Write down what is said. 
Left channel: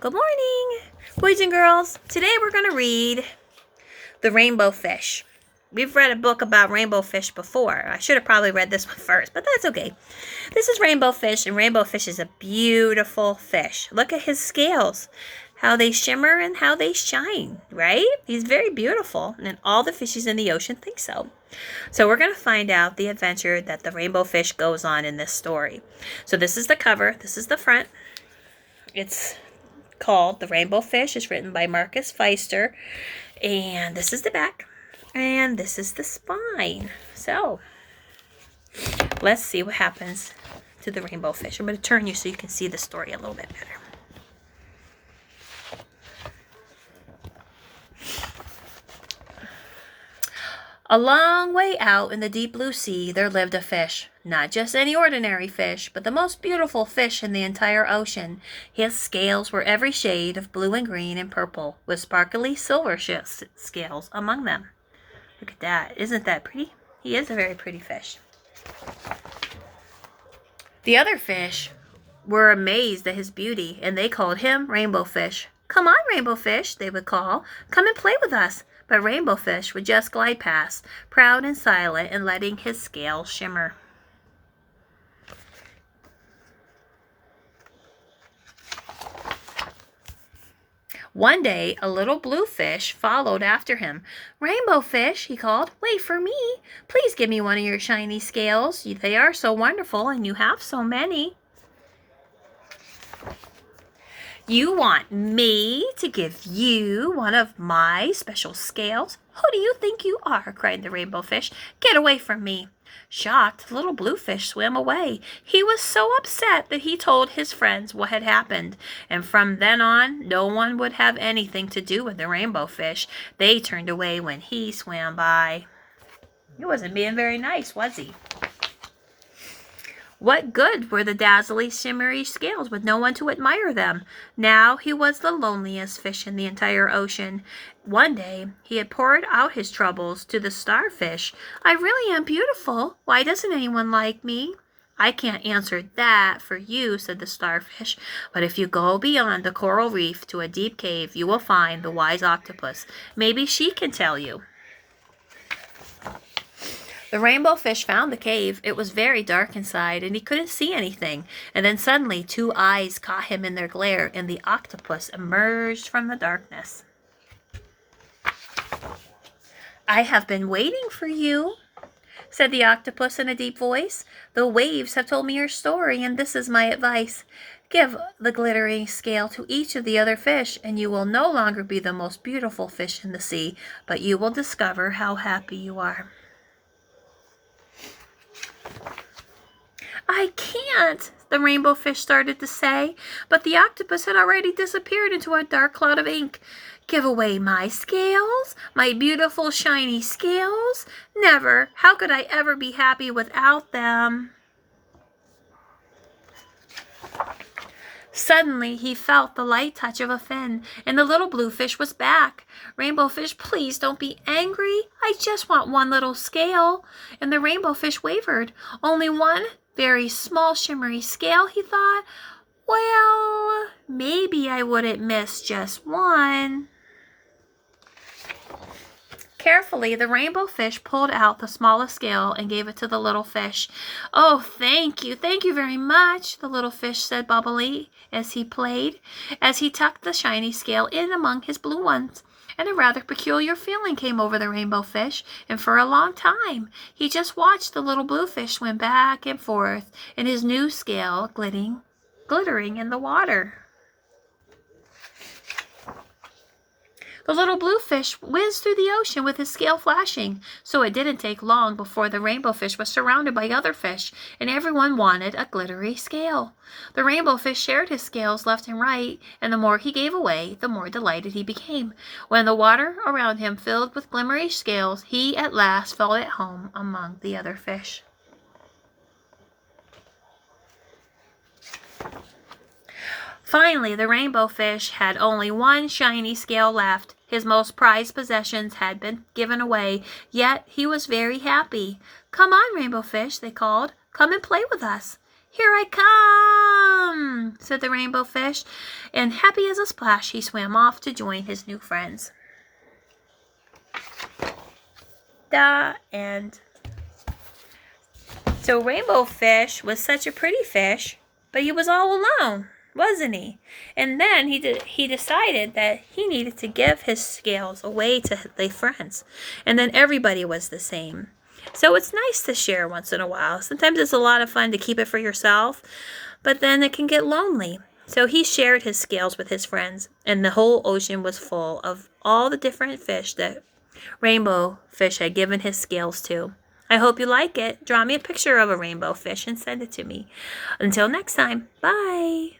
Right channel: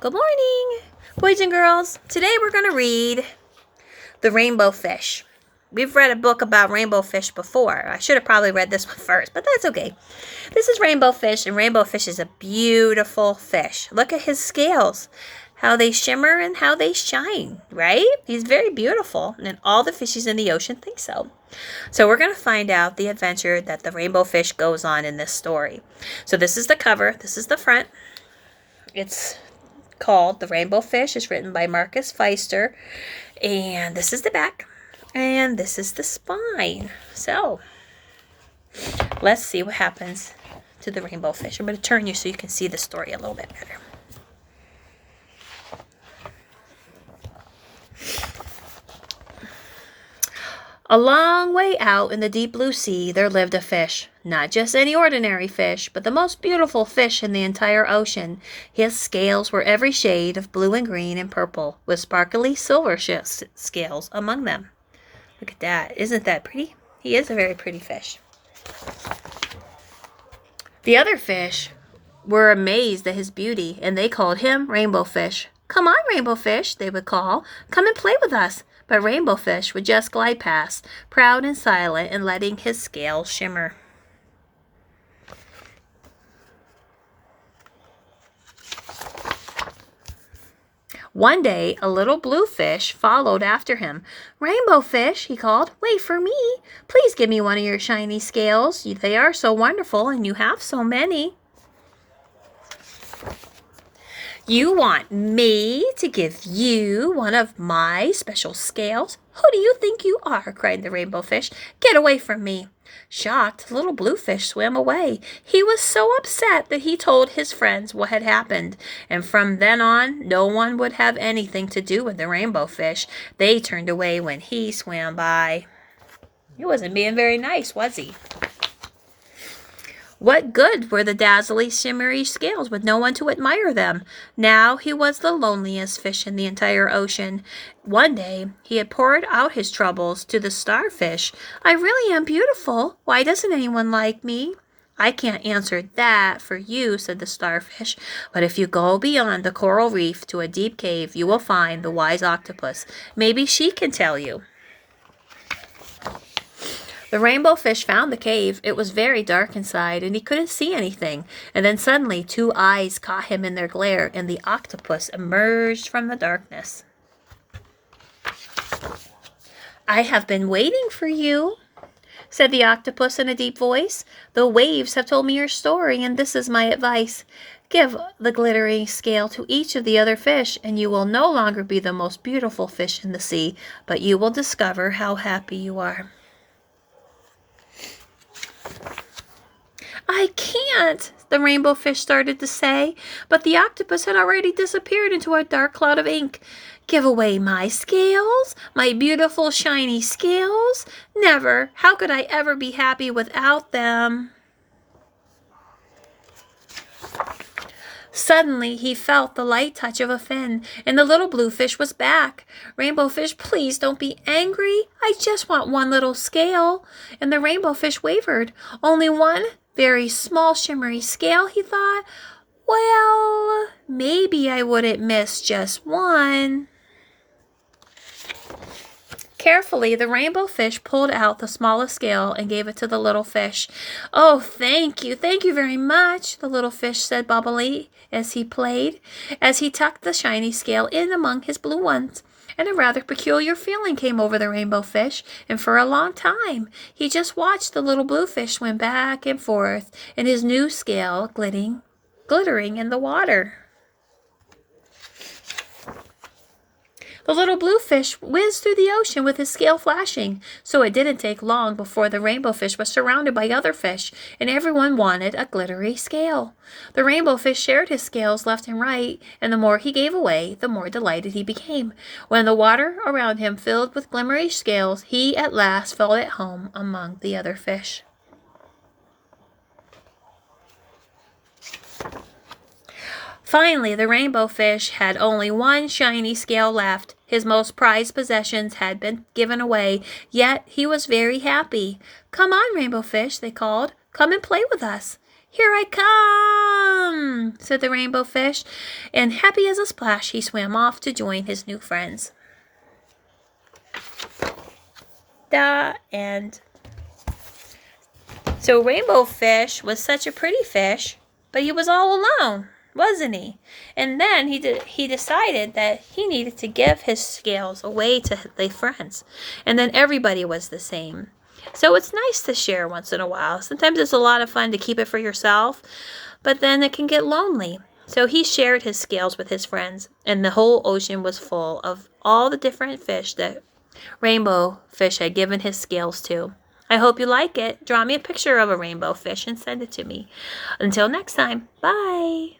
Good morning, boys and girls. Today we're going to read The Rainbow Fish. We've read a book about rainbow fish before. I should have probably read this one first, but that's okay. This is Rainbow Fish, and Rainbow Fish is a beautiful fish. Look at his scales, how they shimmer and how they shine, right? He's very beautiful, and all the fishes in the ocean think so. So we're going to find out the adventure that the rainbow fish goes on in this story. So this is the cover. This is the front. It's called The Rainbow Fish. It's written by Marcus Pfister. And this is the back. And this is the spine. So, let's see what happens to the rainbow fish. I'm going to turn you so you can see the story a little bit better. A long way out in the deep blue sea, there lived a fish. Not just any ordinary fish, but the most beautiful fish in the entire ocean. His scales were every shade of blue and green and purple, with sparkly silver scales among them. Look at that. Isn't that pretty? He is a very pretty fish. The other fish were amazed at his beauty, and they called him Rainbow Fish. "Come on, Rainbow Fish," they would call. "Come and play with us." But Rainbow Fish would just glide past, proud and silent, and letting his scales shimmer. One day, a little blue fish followed after him. "Rainbow Fish," he called, "wait for me. Please give me one of your shiny scales. They are so wonderful, and you have so many." "You want me to give you one of my special scales? Who do you think you are?" cried the rainbow fish. "Get away from me." Shocked, the little blue fish swam away. He was so upset that he told his friends what had happened, and from then on, no one would have anything to do with the rainbow fish. They turned away when he swam by. He wasn't being very nice, was he? What good were the dazzling, shimmery scales with no one to admire them? Now he was the loneliest fish in the entire ocean. One day, he had poured out his troubles to the starfish. "I really am beautiful. Why doesn't anyone like me?" "I can't answer that for you," said the starfish. "But if you go beyond the coral reef to a deep cave, you will find the wise octopus. Maybe she can tell you." The rainbow fish found the cave. It was very dark inside, and he couldn't see anything. And then suddenly 2 eyes caught him in their glare, and the octopus emerged from the darkness. "I have been waiting for you," said the octopus in a deep voice. "The waves have told me your story, and this is my advice. Give the glittering scale to each of the other fish, and you will no longer be the most beautiful fish in the sea, but you will discover how happy you are." "I can't," the rainbow fish started to say, but the octopus had already disappeared into a dark cloud of ink. "Give away my scales? My beautiful shiny scales? Never! How could I ever be happy without them?" Suddenly, he felt the light touch of a fin, and the little blue fish was back. "Rainbow Fish, please don't be angry. I just want one little scale." And the rainbow fish wavered. "Only one very small shimmery scale," he thought. "Well, maybe I wouldn't miss just one." Carefully, the rainbow fish pulled out the smallest scale and gave it to the little fish. "Oh, thank you very much," the little fish said bubbly as he played, as he tucked the shiny scale in among his blue ones. And a rather peculiar feeling came over the rainbow fish, and for a long time he just watched the little blue fish swim back and forth in his new scale glittering in the water. The little blue fish whizzed through the ocean with his scale flashing, so it didn't take long before the rainbow fish was surrounded by other fish, and everyone wanted a glittery scale. The rainbow fish shared his scales left and right, and the more he gave away, the more delighted he became. When the water around him filled with glimmering scales, he at last felt at home among the other fish. Finally, the rainbow fish had only one shiny scale left. His most prized possessions had been given away, yet he was very happy. "Come on, Rainbow Fish," they called. "Come and play with us." "Here I come," said the rainbow fish, and happy as a splash, he swam off to join his new friends. The end. So Rainbow Fish was such a pretty fish, but he was all alone, wasn't he? And then he decided that he needed to give his scales away to the friends, and then everybody was the same. So it's nice to share once in a while. Sometimes it's a lot of fun to keep it for yourself, but then it can get lonely. So he shared his scales with his friends, and the whole ocean was full of all the different fish that Rainbow Fish had given his scales to. I hope you like it. Draw me a picture of a rainbow fish and send it to me. Until next time, bye.